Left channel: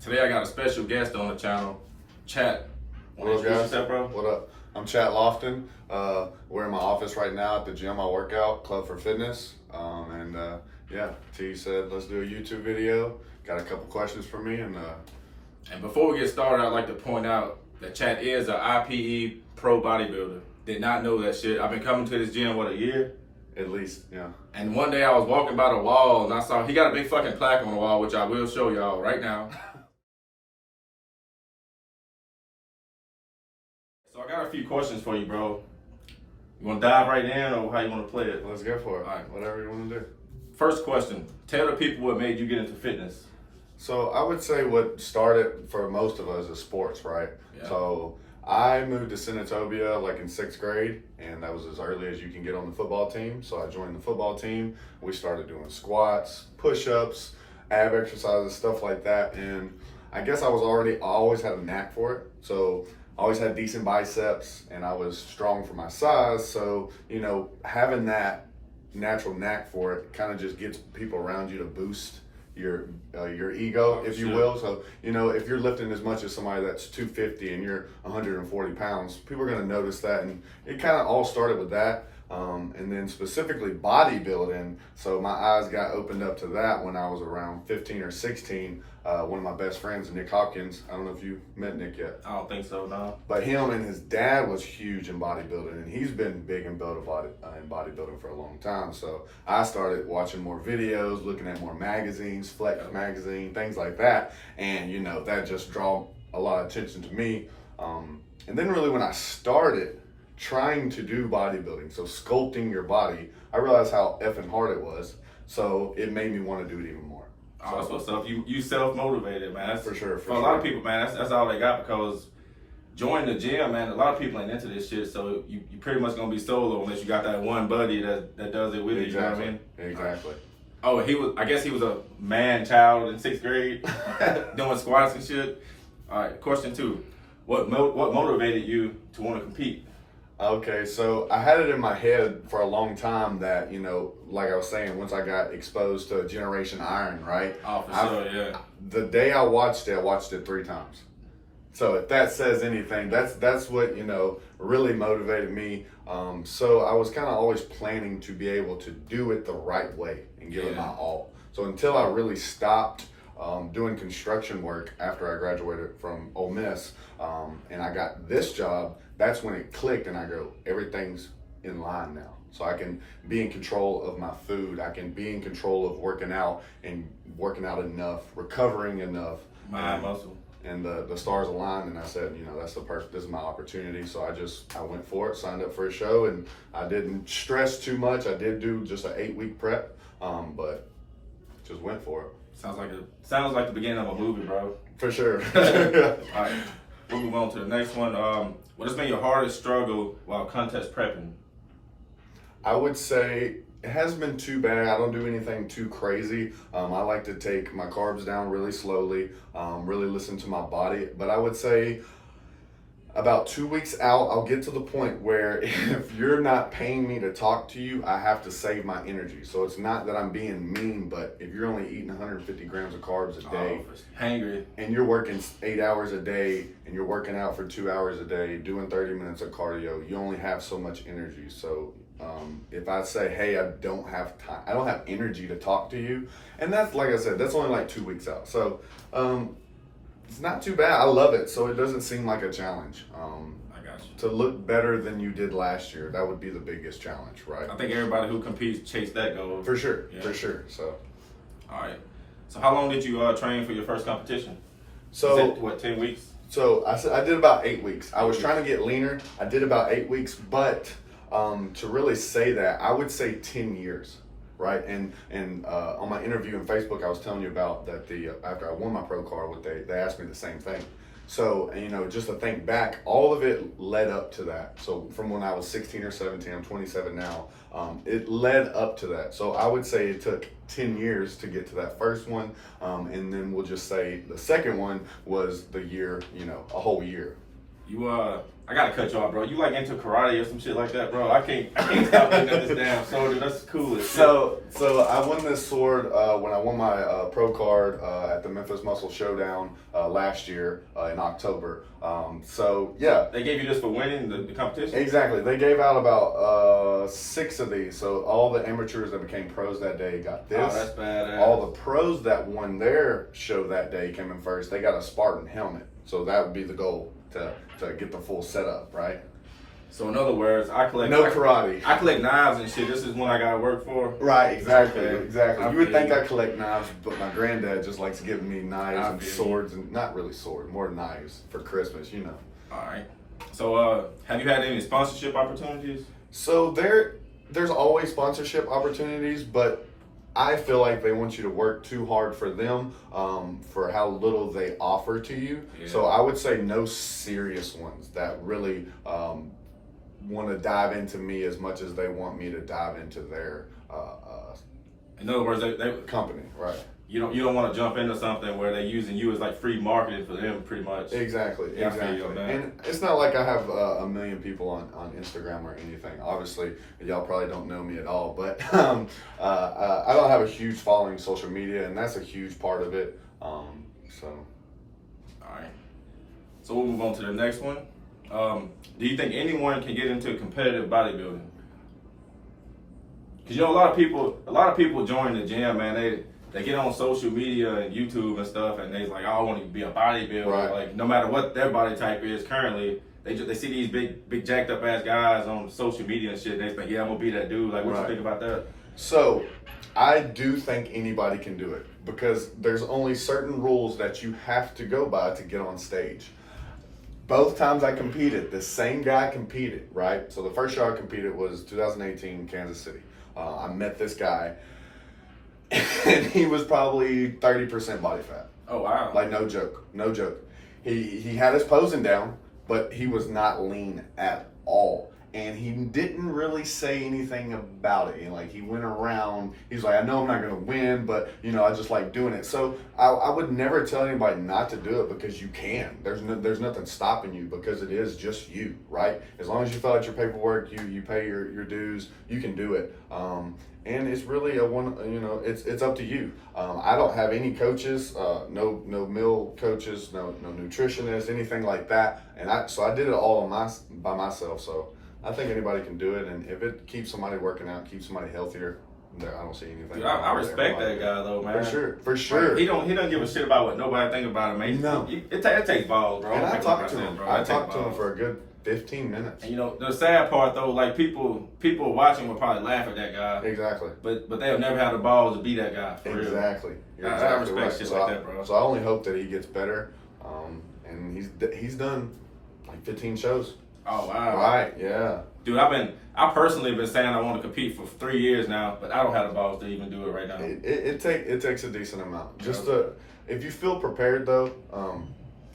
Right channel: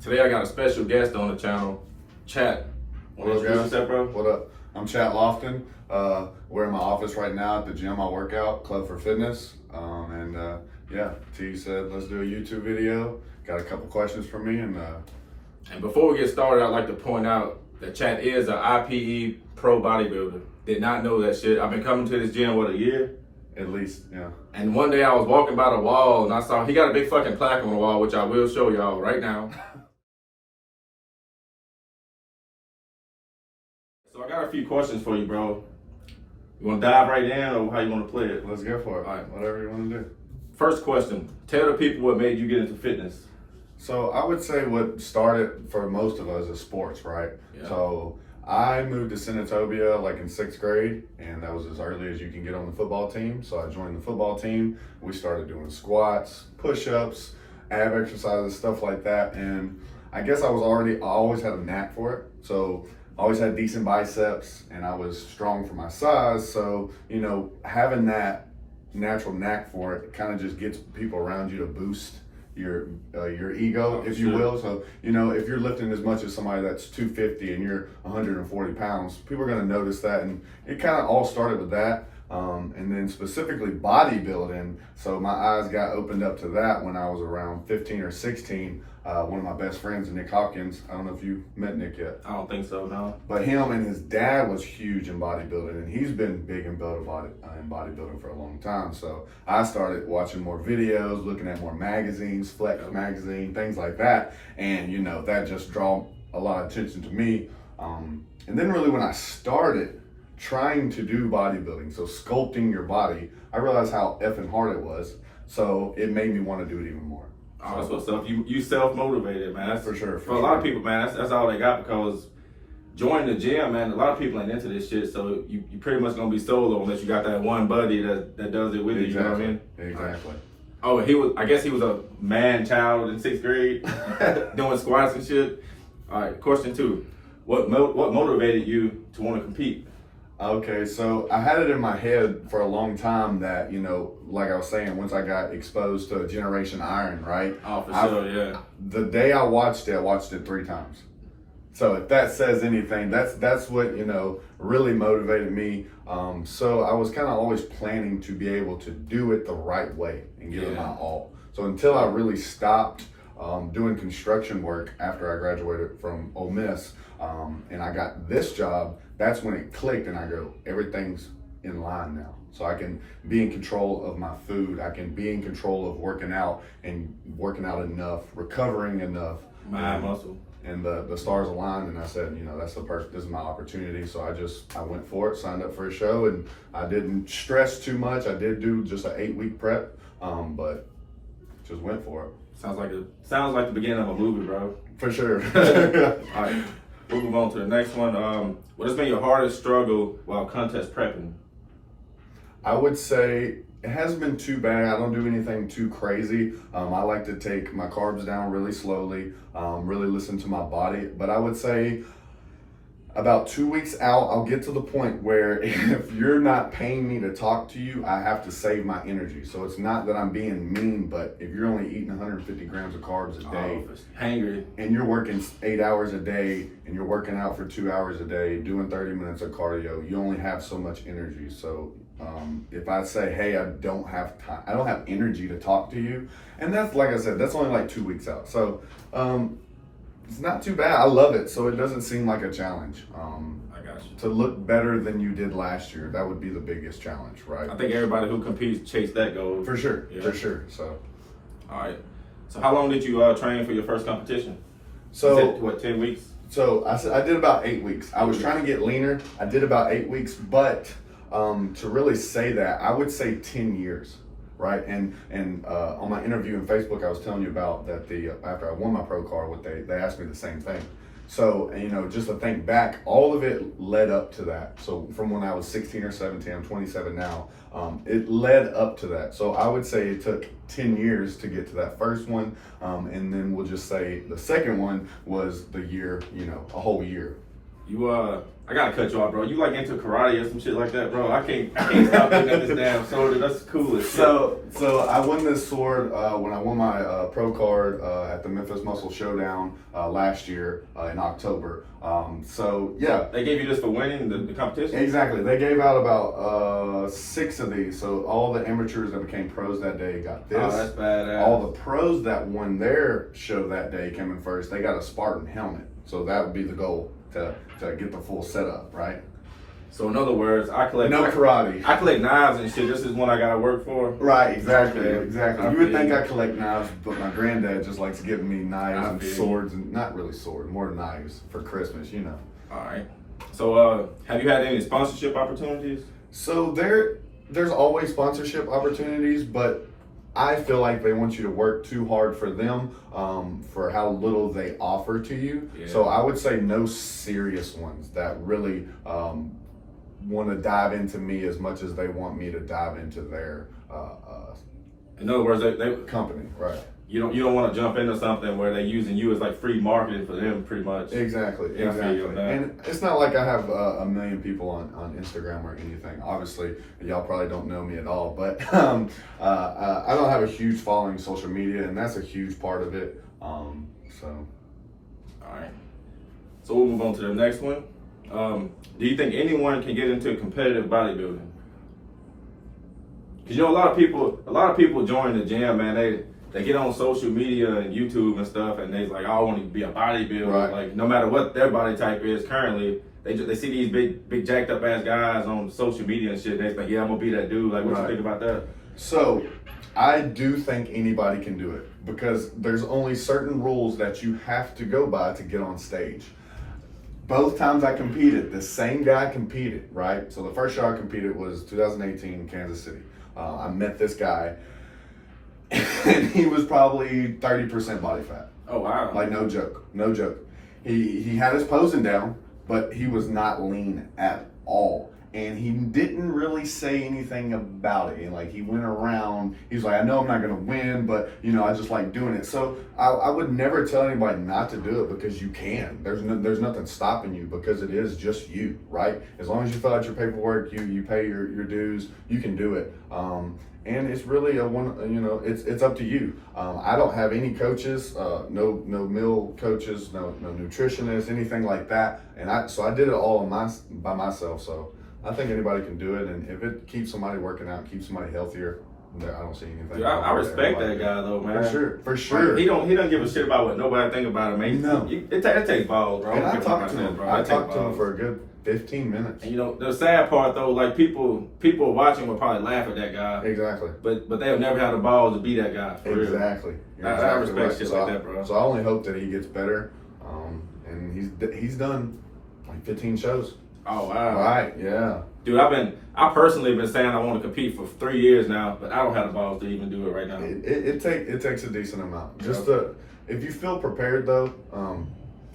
Today I got a special guest on the channel, Chat. Want to introduce yourself, bro? What up? I'm Chat Lofton. We're in my office right now at the gym I work out, Club for Fitness. T said let's do a YouTube video. Got a couple questions for me, and before we get started, I'd like to point out that Chat is an Ipe Pro Bodybuilder. Did not know that shit. I've been coming to this gym, a year? at least, yeah. And one day I was walking by the wall and I saw he got a big fucking plaque on the wall, which I will show y'all right now. So I got a few questions for you, bro. You want to dive right in, or how you want to play it? Let's go for it. All right. Whatever you want to do. First question. Tell the people what made you get into fitness. So I would say what started for most of us is sports, right? Yeah. So I moved to Senatobia like in 6th grade, and that was as early as you can get on the football team. So I joined the football team. We started doing squats, push-ups, ab exercises, stuff like that. And I guess I always had a knack for it. So I always had decent biceps, and I was strong for my size. So, having that natural knack for it kind of just gets people around you to boost your ego, if you will. So, if you're lifting as much as somebody that's 250 and you're 140 pounds, people are going to notice that. And it kind of all started with that. And then specifically bodybuilding. So my eyes got opened up to that when I was around 15 or 16. One of my best friends, Nick Hopkins. I don't know if you met Nick yet. I don't think so, no. But him and his dad was huge in bodybuilding, and he's been big in bodybuilding for a long time. So I started watching more videos, looking at more magazines, Flex magazine, things like that. And, that just drew a lot of attention to me. And then really when I started trying to do bodybuilding, so sculpting your body, I realized how effing hard it was. So it made me want to do it even more. Oh, that's what's up. You self-motivated, man. That's for sure. For a lot of people, man, that's all they got, because joining the gym, man, a lot of people ain't into this shit, so you pretty much gonna be solo unless you got that one buddy that does it with you, you know what I mean? Exactly. Oh, I guess he was a man child in 6th grade doing squats and shit. All right, question 2. What motivated you to want to compete? Okay, so I had it in my head for a long time that, like I was saying, once I got exposed to Generation Iron, right? Oh, for sure, yeah. The day I watched it 3 times. So if that says anything, that's what, really motivated me. So I was kind of always planning to be able to do it the right way and give it my all. So until I really stopped doing construction work after I graduated from Ole Miss, and I got this job, that's when it clicked and I go, everything's in line now. So I can be in control of my food. I can be in control of working out and working out enough, recovering enough. Mind muscle. And the stars aligned, and I said, that's this is my opportunity. So I went for it, signed up for a show, and I didn't stress too much. I did do just an 8-week prep, but just went for it. Sounds like the beginning of a movie, bro. For sure. All right, we'll move on to the next one. What has been your hardest struggle while contest prepping? I would say it hasn't been too bad. I don't do anything too crazy. I like to take my carbs down really slowly, really listen to my body. But I would say about 2 weeks out, I'll get to the point where if you're not paying me to talk to you, I have to save my energy. So it's not that I'm being mean, but if you're only eating 150 grams of carbs a day, hangry, and you're working 8 hours a day, and you're working out for 2 hours a day, doing 30 minutes of cardio, you only have so much energy. So if I say, hey, I don't have time, I don't have energy to talk to you, and that's, like I said, that's only like 2 weeks out. So it's not too bad. I love it, so it doesn't seem like a challenge. I got you. To look better than you did last year, that would be the biggest challenge, right? I think everybody who competes chase that goal. For sure, for sure. So, all right. So how long did you train for your first competition? So 10 weeks? So I did about 8 weeks. I was trying to get leaner. I did about 8 weeks, but to really say that, I would say 10 years. Right, and on my interview on Facebook, I was telling you about that. After I won my pro card, they asked me the same thing. So just to think back, all of it led up to that. So from when I was 16 or 17, I'm 27 now. It led up to that. So I would say it took 10 years to get to that first one, and then we'll just say the second one was the year, a whole year. I gotta cut you off, bro. You like into karate or some shit like that, bro? I can't stop looking at this damn sword, dude. That's cool as shit. So I won this sword when I won my pro card at the Memphis Muscle Showdown last year in October. So yeah, They gave you this for winning the competition? exactly. They gave out about 6 of these. So all the amateurs that became pros that day got this. Oh, that's badass. All the pros that won their show that day came in first. They got a Spartan helmet. So that would be the goal to get the full setup, right? So in other words, I collect karate. I collect knives and shit. This is one I gotta work for. Right, exactly, Okay. exactly. I You would feel think you. I collect knives, but my granddad just likes giving me knives I and feel you. swords, and not really swords, more knives for Christmas, you know. All right. So have you had any sponsorship opportunities? So there's always sponsorship opportunities, but I feel like they want you to work too hard for them, for how little they offer to you. Yeah. So I would say no serious ones that really want to dive into me as much as they want me to dive into their In other words, they company, right? you don't want to jump into something where they're using you as like free marketing for them, pretty much. Exactly, Yeah, I feel you exactly. on that. And it's not like I have a million people on Instagram or anything. Obviously, y'all probably don't know me at all, but I don't have a huge following social media, and that's a huge part of it. So All right. So we'll move on to the next one. Do you think anyone can get into competitive bodybuilding? Because you know a lot of people join the gym, man. They get on social media and YouTube and stuff, and they like, I want to be a bodybuilder. Right. Like no matter what their body type is currently, they see these big jacked up ass guys on social media and shit. And they think, yeah, I'm gonna be that dude. Like, what you Right. think about that? So, I do think anybody can do it because there's only certain rules that you have to go by to get on stage. Both times I competed, the same guy competed, right? So the first show I competed was 2018 in Kansas City. I met this guy, and he was probably 30% body fat. Oh wow. Like no joke, no joke. He had his posing down, but he was not lean at all. And he didn't really say anything about it. And like he went around, he's like, I know I'm not gonna win, but you know, I just like doing it. So I would never tell anybody not to do it because you can. There's nothing stopping you because it is just you, right? As long as you fill out your paperwork, you pay your dues, you can do it. And it's really it's up to you. I don't have any coaches, no meal coaches, no nutritionists, anything like that. And I did it all by myself. So I think anybody can do it, and if it keeps somebody working out, keeps somebody healthier, I don't see anything. Dude, I respect that guy though, man. For sure. Like, he don't give a shit about what nobody think about him, man. No. It takes balls, bro. And I Think talked about to that, him. bro. I It talked takes to him balls. for a good 15 minutes. And you know, the sad part though, like people watching will probably laugh at that guy, Exactly. but they'll never have the balls to be that guy. For real. Exactly. You're I exactly respect right. shit So like that, bro. So I only hope that he gets better. And he's done like 15 shows. Oh wow. Right? Yeah. Dude, I personally been saying I want to compete for 3 years now, but I don't have the balls to even do it right now. It takes a decent amount. Just Yeah. if you feel prepared though,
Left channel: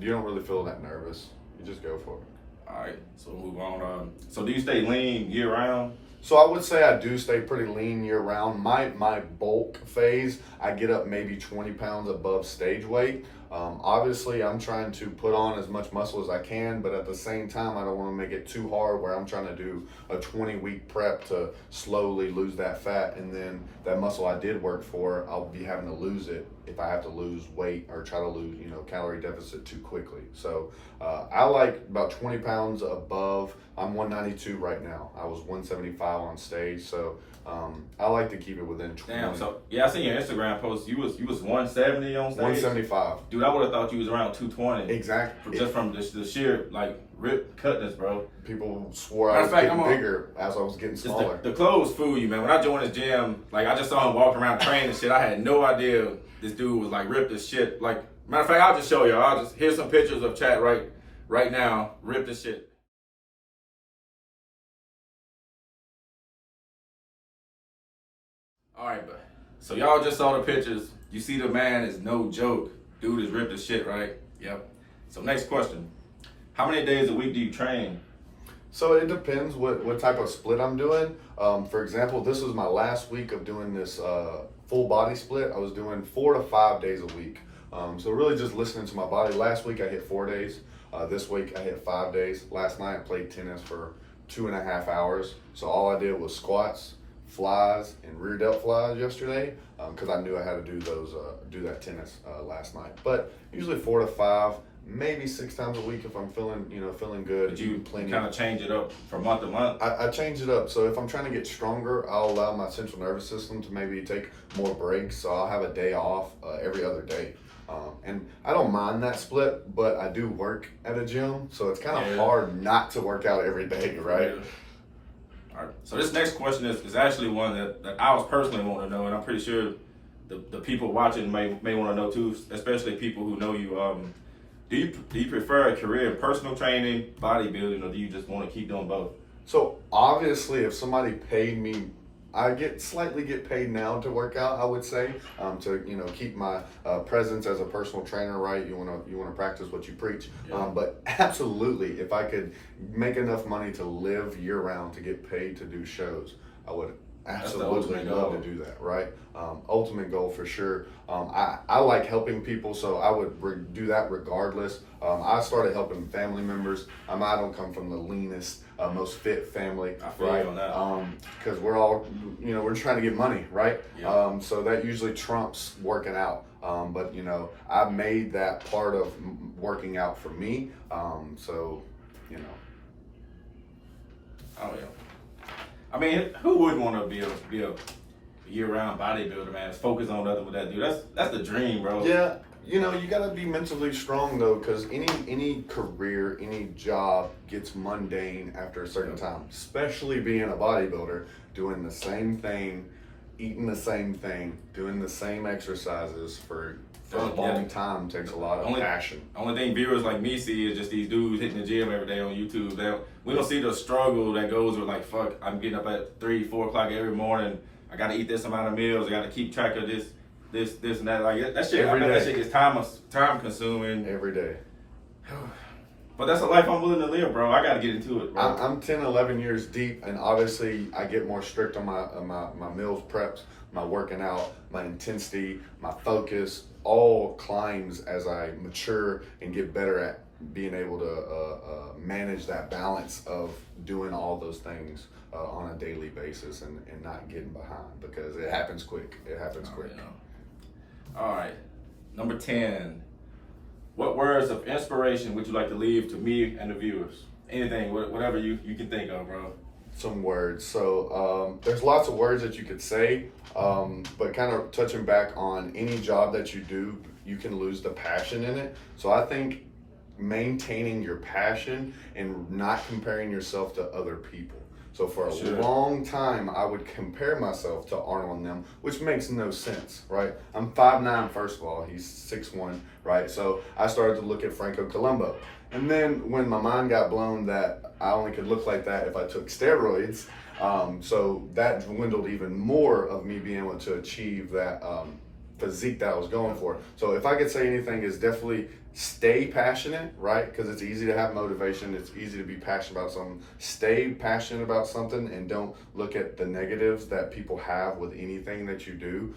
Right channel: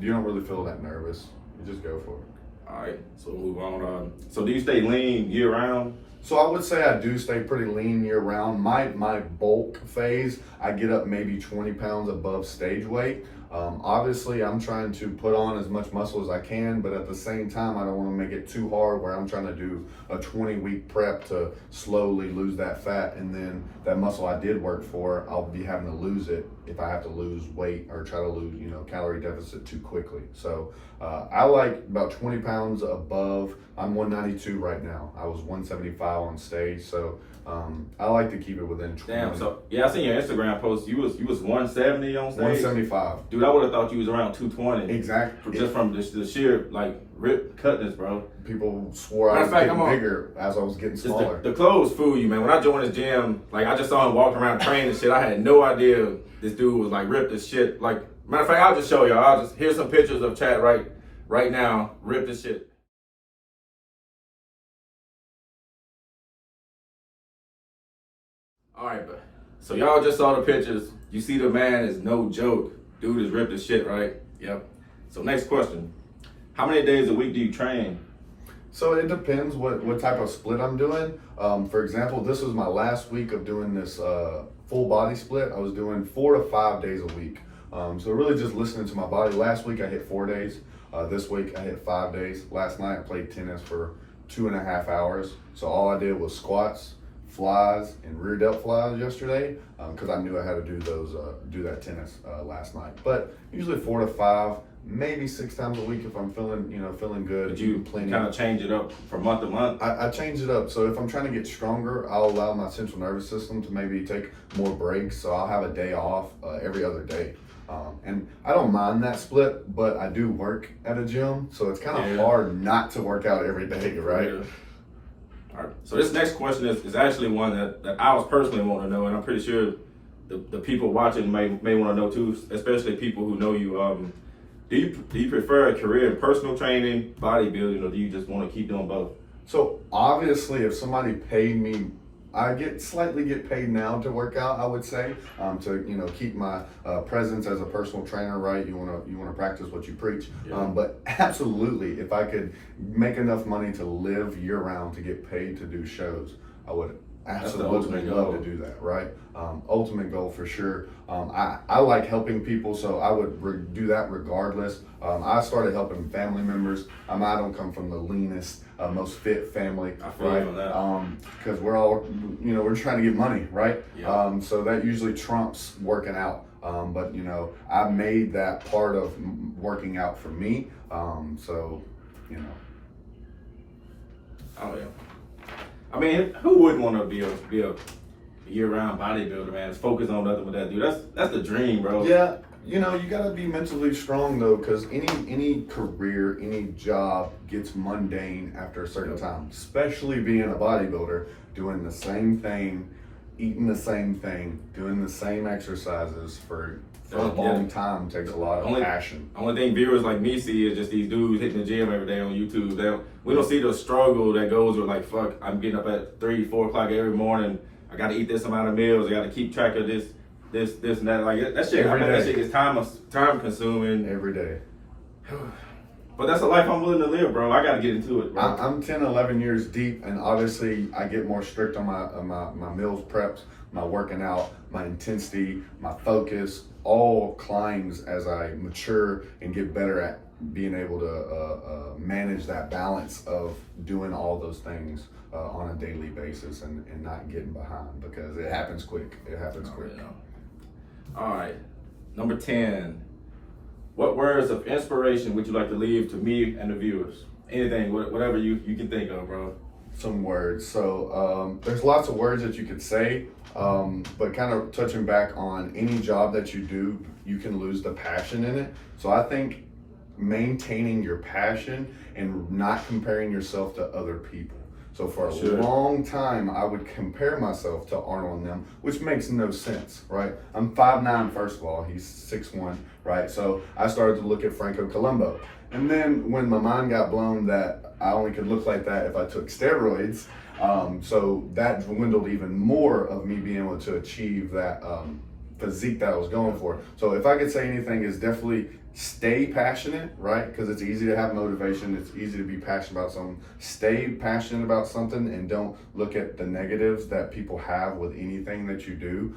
you don't really feel that nervous. You just go for it. All right, so we'll move on. So do you stay lean year round? So I would say I do stay pretty lean year round. My bulk phase, I get up maybe 20 pounds above stage weight. Obviously, I'm trying to put on as much muscle as I can, but at the same time, I don't want to make it too hard where I'm trying to do a 20-week prep to slowly lose that fat, and then that muscle I did work for, I'll be having to lose it if I have to lose weight or try to lose, calorie deficit too quickly. So I like about 20 pounds above. I'm 192 right now. I was 175 on stage, so I like to keep it within 20. Damn. So yeah, I seen your Instagram post. You was 170 on stage. 175. Dude, I would have thought you was around 220. Exactly. Just from the sheer like rip cutness, bro. People swore I Matter was of fact, getting I'm on- bigger as I was getting Just smaller. the clothes fool you, man. When I joined this gym, like I just saw him walking around training and shit. I had no idea this dude was like ripped as shit. Like matter of fact, I'll just show y'all. Here's some pictures of chat right now. Ripped as shit. All right, but so y'all just saw the pictures. You see the man is no joke. Dude is ripped as shit, right? Yep. So next question. How many days a week do you train? So it depends what type of split I'm doing. For example, this was my last week of doing this full body split. I was doing 4 to 5 days a week. So really just listening to my body. Last week I hit 4 days. This week I hit 5 days. Last night I played tennis for 2.5 hours. So all I did was squats, flies, and rear delt flies yesterday because I knew I had to do that tennis last night. But usually 4 to 5, maybe 6 times a week if I'm feeling good. But you kind of change it up from month to month? I change it up. So if I'm trying to get stronger, I'll allow my central nervous system to maybe take more breaks. So I'll have a day off every other day. And I don't mind that split, but I do work at a gym, so it's kind of hard not to work out every day, right? Yeah. All right. So this next question is actually one that I was personally wanting to know, and I'm pretty sure the people watching may want to know too, especially people who know you. Do you prefer a career in personal training, bodybuilding, or do you just want to keep doing both? So obviously, if somebody paid me, I slightly get paid now to work out, I would say, to keep my presence as a personal trainer, right? You want to practice what you preach. Yeah. But absolutely, if I could make enough money to live year round to get paid to do shows, I would absolutely love to do that, right? Ultimate goal for sure. I like helping people, so I would do that regardless. I started helping family members. I don't come from the leanest, most fit family, I feel right? you on that. Because we're all, we're trying to get money, right? Yeah. So that usually trumps working out. But I made that part of working out for me. Oh yeah. I mean, who wouldn't want to be a year-round bodybuilder, man? Focus on nothing but that, dude. That's the dream, bro. Yeah, you got to be mentally strong though, because any career, any job gets mundane after a certain time. Especially being a bodybuilder, doing the same thing, eating the same thing, doing the same exercises for a long time takes a lot of passion. Only thing viewers like me see is just these dudes hitting the gym every day on YouTube. We don't see the struggle that goes with, like, fuck, I'm getting up at 3, 4 o'clock every morning. I got to eat this amount of meals. I got to keep track of this and that. Like that shit. That shit gets time consuming every day. But that's a life I'm willing to live, bro. I got to get into it, bro. I'm 10, 11 years deep, and obviously I get more strict on my meals preps, my working out, my intensity, my focus, all climbs as I mature and get better at being able to manage that balance of doing all those things on a daily basis and not getting behind, because it happens quick. It happens quick. Yeah. All right. Number 10. What words of inspiration would you like to leave to me and the viewers? Anything, whatever you can think of, bro. Some words. So there's lots of words that you could say, but kind of touching back on any job that you do, you can lose the passion in it. So I think maintaining your passion and not comparing yourself to other people. So for a long time, I would compare myself to Arnold and them, which makes no sense, right? I'm 5'9", first of all, he's 6'1", right? So I started to look at Franco Columbu. And then when my mind got blown that I only could look like that if I took steroids, so that dwindled even more of me being able to achieve that physique that I was going for. So if I could say anything, is definitely stay passionate, right? Because it's easy to have motivation. It's easy to be passionate about something. Stay passionate about something and don't look at the negatives that people have with anything that you do.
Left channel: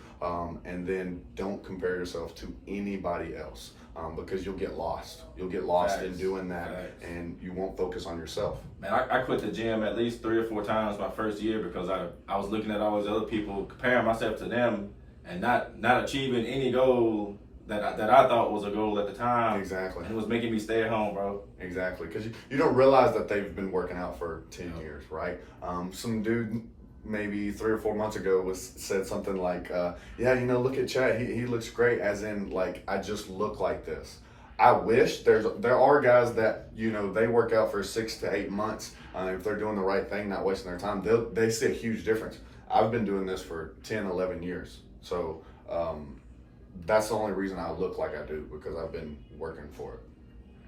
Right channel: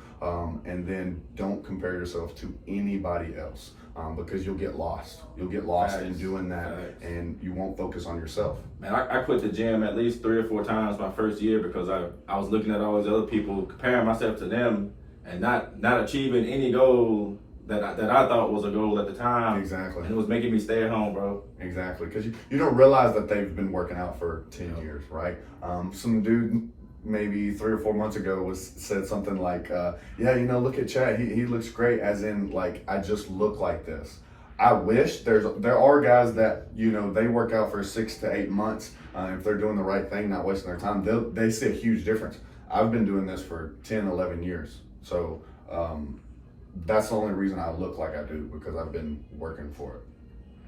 And then don't compare yourself to anybody else because you'll get lost. You'll get lost in doing that and you won't focus on yourself. Man, I quit the gym at least 3 or 4 times my first year because I was looking at all these other people, comparing myself to them and not achieving any goal that I thought was a goal at the time. Exactly. And it was making me stay at home, bro. Exactly, because you don't realize that they've been working out for 10 years, right? Some dude maybe 3 or 4 months ago said something like, look at Chad, he looks great, as in, like, I just look like this. I wish there are guys that, they work out for 6 to 8 months. If they're doing the right thing, not wasting their time, they see a huge difference. I've been doing this for 10, 11 years. So, that's the only reason I look like I do, because I've been working for it.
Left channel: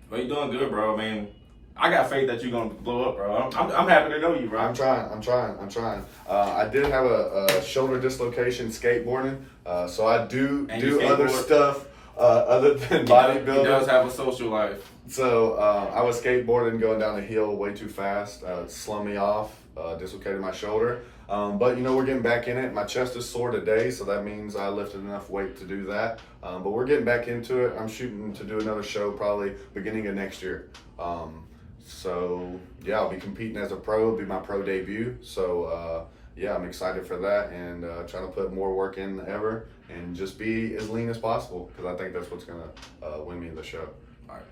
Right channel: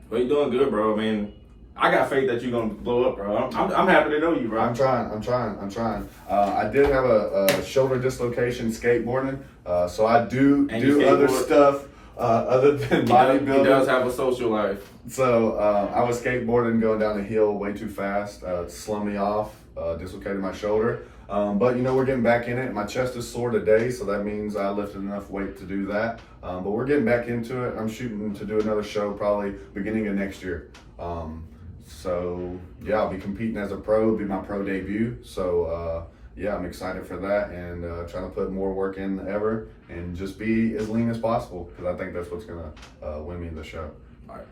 But you're doing good, bro. I mean, I got faith that you're gonna blow up, bro. I'm happy to know you, bro. I'm trying. I did have a shoulder dislocation skateboarding, so I do other stuff other than bodybuilding. He does have a social life. So I was skateboarding, going down the hill way too fast, slung me off, dislocated my shoulder. But you know, we're getting back in it. My chest is sore today, so that means I lifted enough weight to do that. But we're getting back into it. I'm shooting to do another show probably beginning of next year. So yeah, I'll be competing as a pro. It'll be my pro debut. So yeah, I'm excited for that, and trying to put more work in than ever and just be as lean as possible, because I think that's what's gonna win me the show. All right.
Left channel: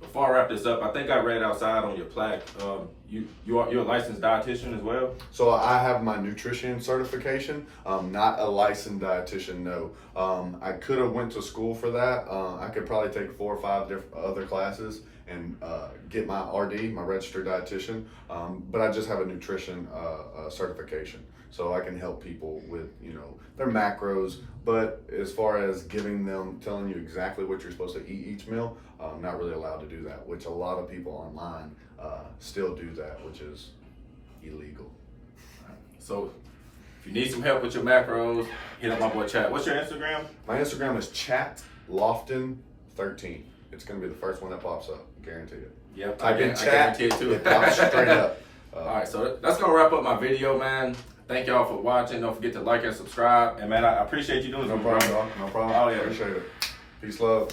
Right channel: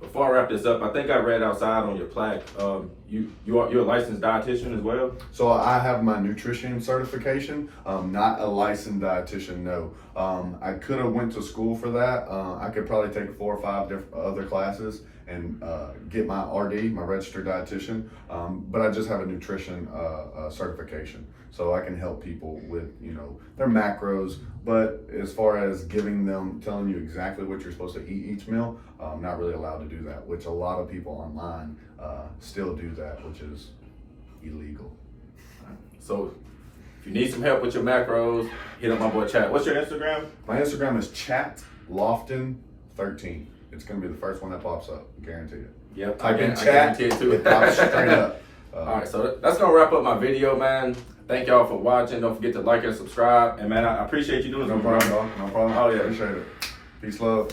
Before I wrap this up, I think I read outside on your plaque, you're a licensed dietitian as well? So I have my nutrition certification, not a licensed dietitian, no. I could have went to school for that. I could probably take 4 or 5 different other classes and get my RD, my registered dietitian, but I just have a nutrition certification. So I can help people with, you know, their macros, but as far as telling you exactly what you're supposed to eat each meal, I'm not really allowed to do that, which a lot of people online still do that, which is illegal. So if you need some help with your macros, hit up my boy Chat. What's your Instagram? My Instagram is Lofton13. It's gonna be the first one that pops up, I guarantee you. Yep, I guarantee it too. It pops straight up. All right, so that's gonna wrap up my video, man. Thank y'all for watching. Don't forget to like and subscribe. And man, I appreciate you doing this. No problem, dog. No problem. Oh, yeah. Appreciate it. Peace, love.